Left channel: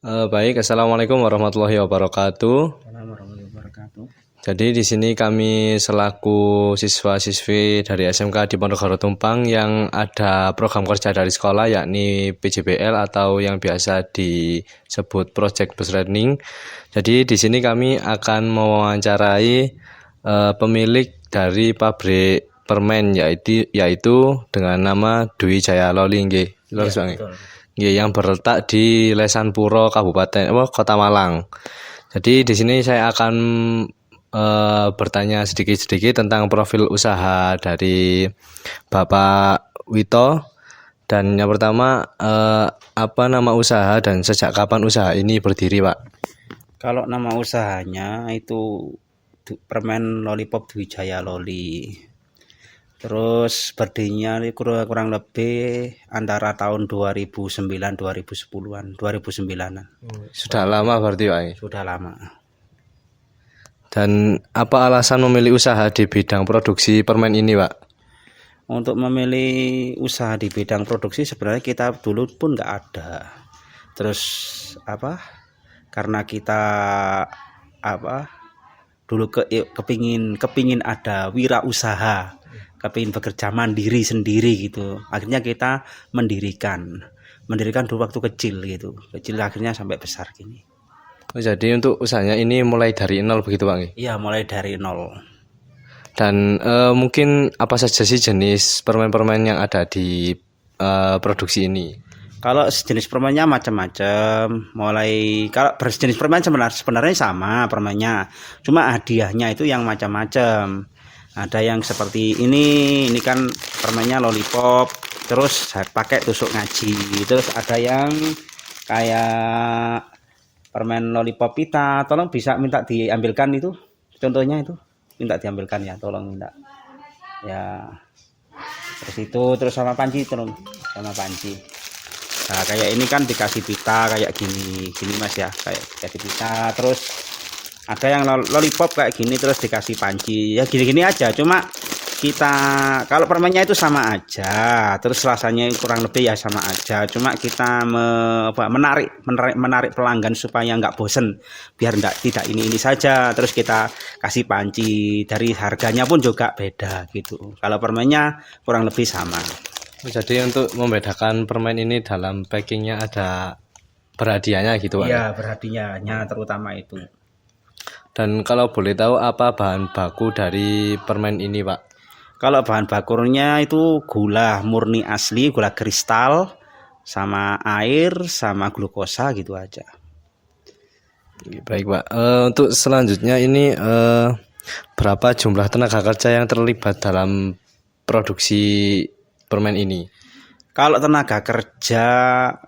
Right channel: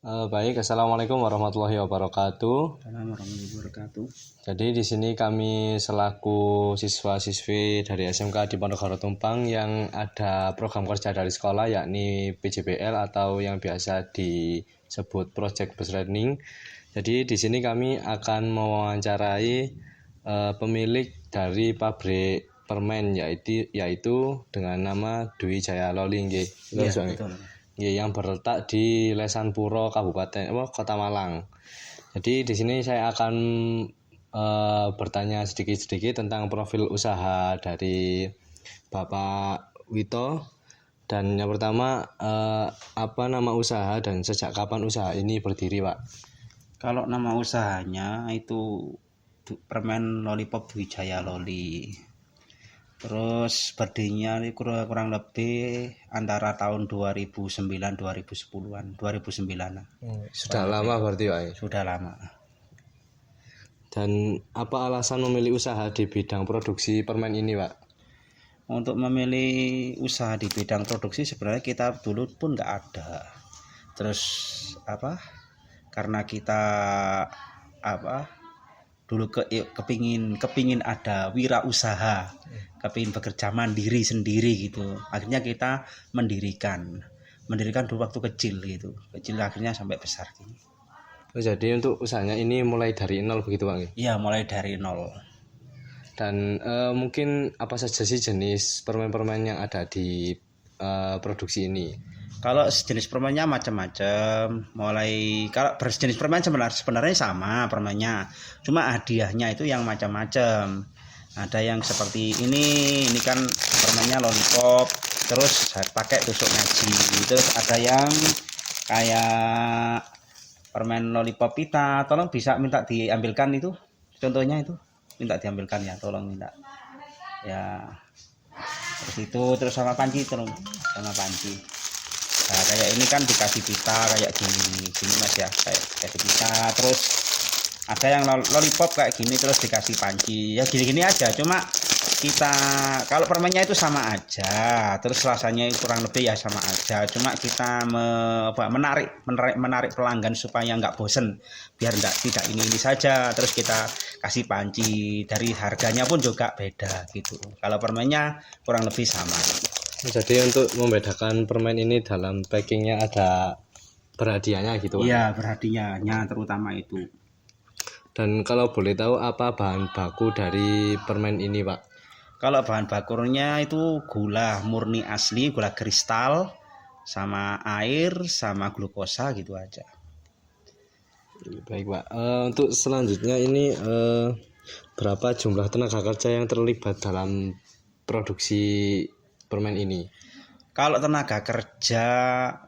Baik, assalamualaikum warahmatullahi wabarakatuh. Warahmatullahi wabarakatuh. Jadi di sini kami selaku siswa-siswi dari SMK di Ponorogo Tumpang yang ada program kerja dari sekolah yakni PJBL atau yang biasa disebut Project Based Learning. Jadi di sini kami akan mewawancarai pemilik dari pabrik permen yaitu dengan nama Dwi Jaya Loli nggih. Yang berletak di Lesanpuro Kabupaten Kota Malang. Jadi di sini saya akan bertanya sedikit-sedikit tentang profil usaha dari Bapak Wito. Dan yang pertama, apa nama usaha dan sejak kapan usaha ini berdiri, Pak? Kalau nama usahanya itu permen lollipop Dwi Jaya Loli. Terus berdirinya kurang lebih antara tahun 2009-2010-an, 2009-an. Sudah lama berarti, Pak? Sudah lama. Dan apa alasan memilih usaha di bidang produksi permen ini, Pak? Untuk memilih usaha di bidang produksi sebenarnya kita dulu pun nggak ada. Terus karena kita dulu kepingin ada wirausaha, kepingin bekerja mandiri sendiri gitu. Akhirnya kita mendirikan dulu waktu kecil akhirnya sampai besar gini. Jadi untuk usahanya ini mulai dari nol begitu, Pak? Iya, mulai dari nol. Dan mungkin apa saja sih jenis permen-permen yang ada di produksi ini? Kalau jenis permennya macam-macam. Kalau berjenis permen sebenarnya sama permennya, cuma hadiahnya itu yang macam-macam. Ada yang seperti ini kan permennya lollipop, terus saya pakai tusuk ngaji. Terus ada yang kayak permen lollipop pita, tolong bisa minta diambilkan itu, contohnya itu, minta diambilkan ya, tolong minta. Ya, terus sama panci, tolong sama panci. Nah, kayak ini kan dikasih pita kayak gini Mas ya, kayak dikasih pita. Terus ada yang lollipop kayak gini terus dikasih panci. Ya gini-gini aja, cuma kita kalau permennya itu sama aja, terus rasanya kurang lebih ya sama aja, cuma kita menarik pelanggan supaya nggak bosen, biar tidak ini saja, terus kita kasih panci. Dari harganya pun juga beda gitu. Kalau permennya kurang lebih sama. Jadi untuk membedakan permen ini dalam packingnya ada berhadiahnya gitu, Pak? Iya, berhadiahnya terutama itu. Dan kalau boleh tahu apa bahan baku dari permen ini, Pak? Kalau bahan bakunya itu gula murni asli, gula kristal, sama air, sama glukosa gitu aja. Baik, Pak. Untuk selanjutnya ini berapa jumlah tenaga kerja yang terlibat dalam produksi permen ini? Kalau tenaga kerja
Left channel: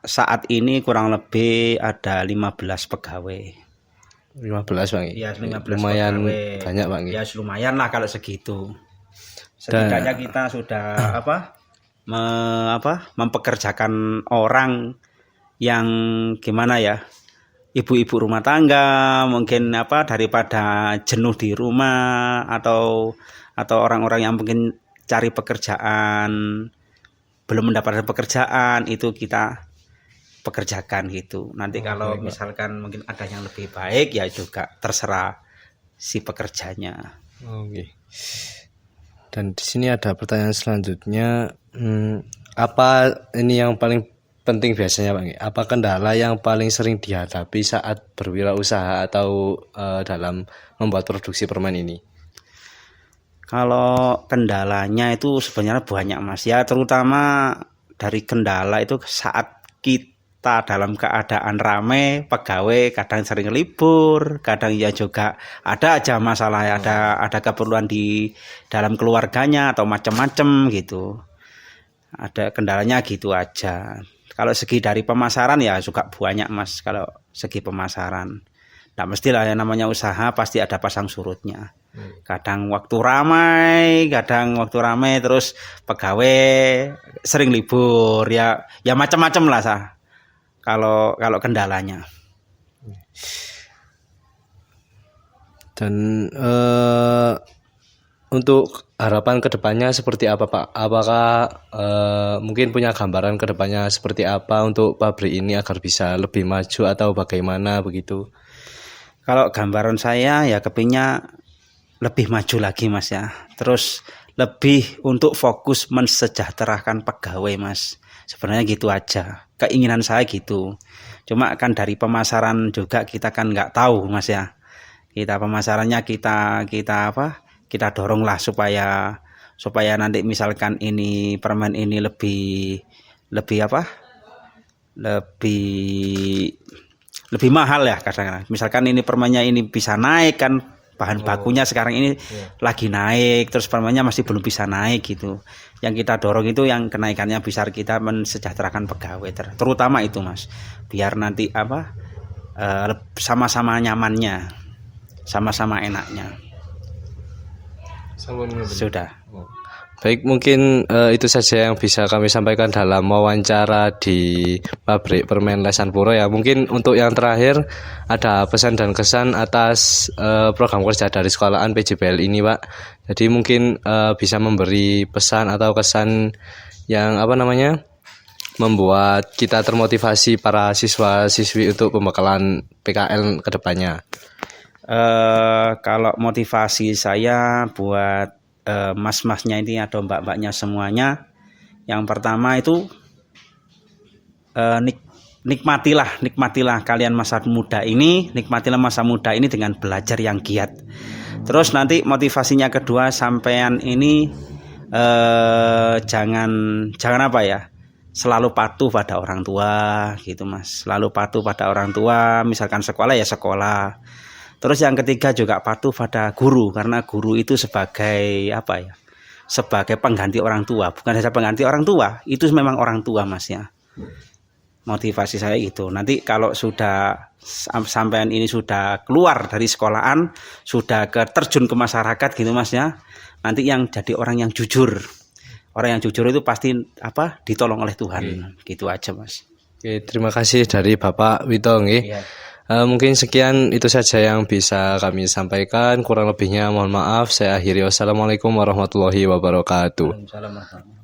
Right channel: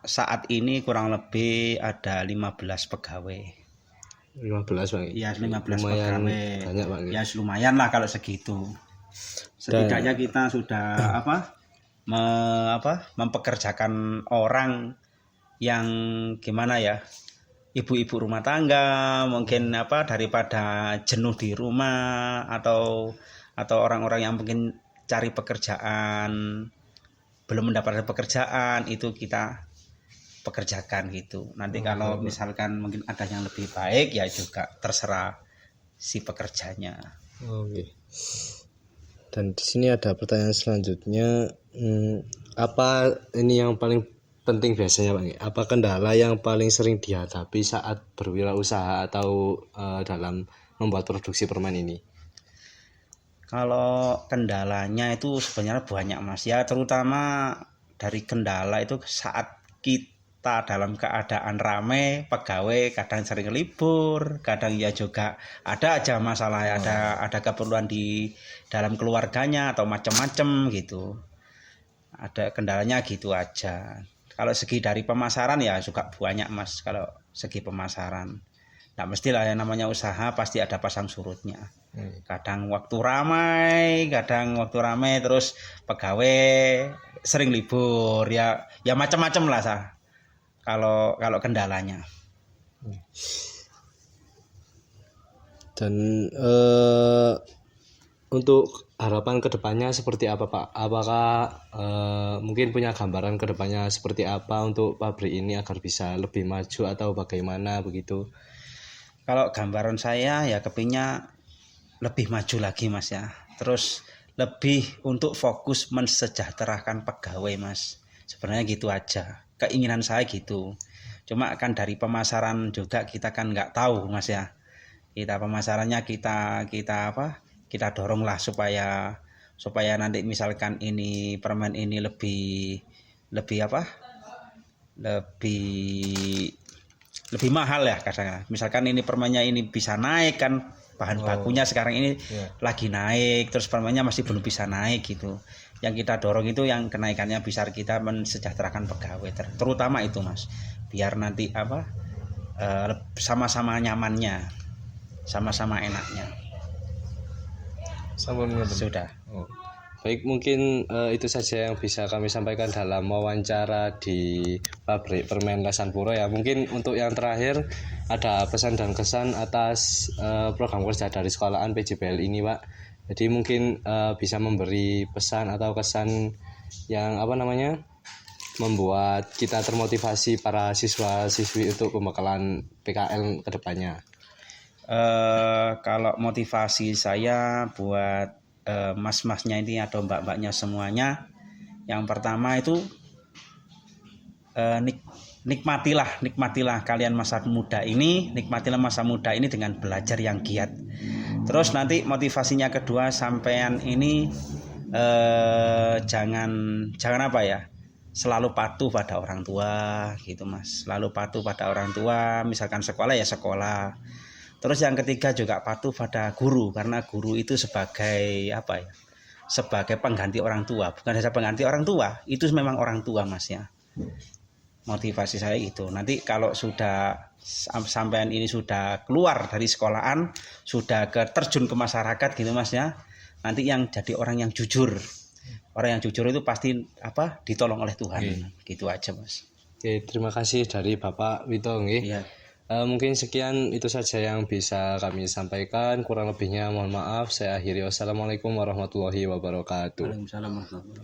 saat ini kurang lebih ada 15 pegawai. 15, Bang? Ya, 15 lumayan pegawai. Banyak, Bang? Ya, lumayan lah kalau segitu. Setidaknya kita sudah mempekerjakan orang yang gimana ya, ibu-ibu rumah tangga mungkin daripada jenuh di rumah, atau orang-orang yang mungkin cari pekerjaan belum mendapatkan pekerjaan, itu kita pekerjakan gitu. Nanti kalau misalkan mungkin ada yang lebih baik ya juga terserah si pekerjanya. Oke. Dan di sini ada pertanyaan selanjutnya, apa ini yang paling penting biasanya Pak? Apa kendala yang paling sering dihadapi saat berwirausaha atau dalam membuat produksi permen ini? Kalau kendalanya itu sebenarnya banyak Mas ya, terutama dari kendala itu saat kita dalam keadaan ramai, pegawai kadang sering libur, kadang ya juga ada aja masalah, ada keperluan di dalam keluarganya atau macam-macam gitu. Ada kendalanya gitu aja. Kalau segi dari pemasaran ya juga banyak Mas, kalau segi pemasaran. Nah mestilah yang namanya usaha pasti ada pasang surutnya. Kadang waktu ramai terus pegawai sering libur ya macam-macam lah kalau kendalanya. Dan untuk harapan kedepannya seperti apa Pak? Apakah mungkin punya gambaran kedepannya seperti apa untuk pabrik ini agar bisa lebih maju atau bagaimana begitu? Kalau gambaran saya ya kepingnya lebih maju lagi Mas ya. Terus lebih untuk fokus mensejahterakan pegawai Mas. Sebenarnya gitu aja. Keinginan saya gitu. Cuma kan dari pemasaran juga kita kan nggak tahu Mas ya. Kita pemasarannya kita doronglah supaya nanti misalkan ini permen ini lebih mahal ya kadang-kadang. Misalkan ini permennya ini bisa naik kan, bahan bakunya sekarang ini lagi naik, terus permennya masih belum bisa naik gitu. Yang kita dorong itu yang kenaikannya besar, kita mensejahterakan pegawai terutama itu Mas. Biar nanti sama-sama nyamannya, sama-sama enaknya. Sudah. Baik, mungkin itu saja yang bisa kami sampaikan dalam wawancara di pabrik permen Lesan Puro ya. Mungkin untuk yang terakhir ada pesan dan kesan atas program kerja dari sekolahan PJBL ini Pak. Jadi mungkin bisa memberi pesan atau kesan yang membuat kita termotivasi para siswa-siswi untuk pembekalan PKL ke depannya. Kalau motivasi saya buat mas-masnya ini atau mbak-mbaknya semuanya, yang pertama itu nikmatilah kalian masa muda ini, dengan belajar yang giat. Terus nanti motivasinya kedua, sampean ini jangan selalu patuh pada orang tua gitu Mas. Selalu patuh pada orang tua, misalkan sekolah ya sekolah. Terus yang ketiga juga patuh pada guru, karena guru itu sebagai sebagai pengganti orang tua, bukan hanya pengganti orang tua, itu memang orang tua Mas ya. Motivasi saya itu. Nanti kalau sudah sampean ini sudah keluar dari sekolahan, sudah terjun ke masyarakat gitu Mas ya. Nanti yang jadi orang yang jujur. Orang yang jujur itu pasti ditolong oleh Tuhan. Gitu aja Mas. Oke, terima kasih dari Bapak Wito nggih. Iya. Mungkin sekian itu saja yang bisa kami sampaikan. Kurang lebihnya mohon maaf. Saya akhiri. Wassalamualaikum warahmatullahi wabarakatuh. Waalaikumsalam warahmatullahi wabarakatuh.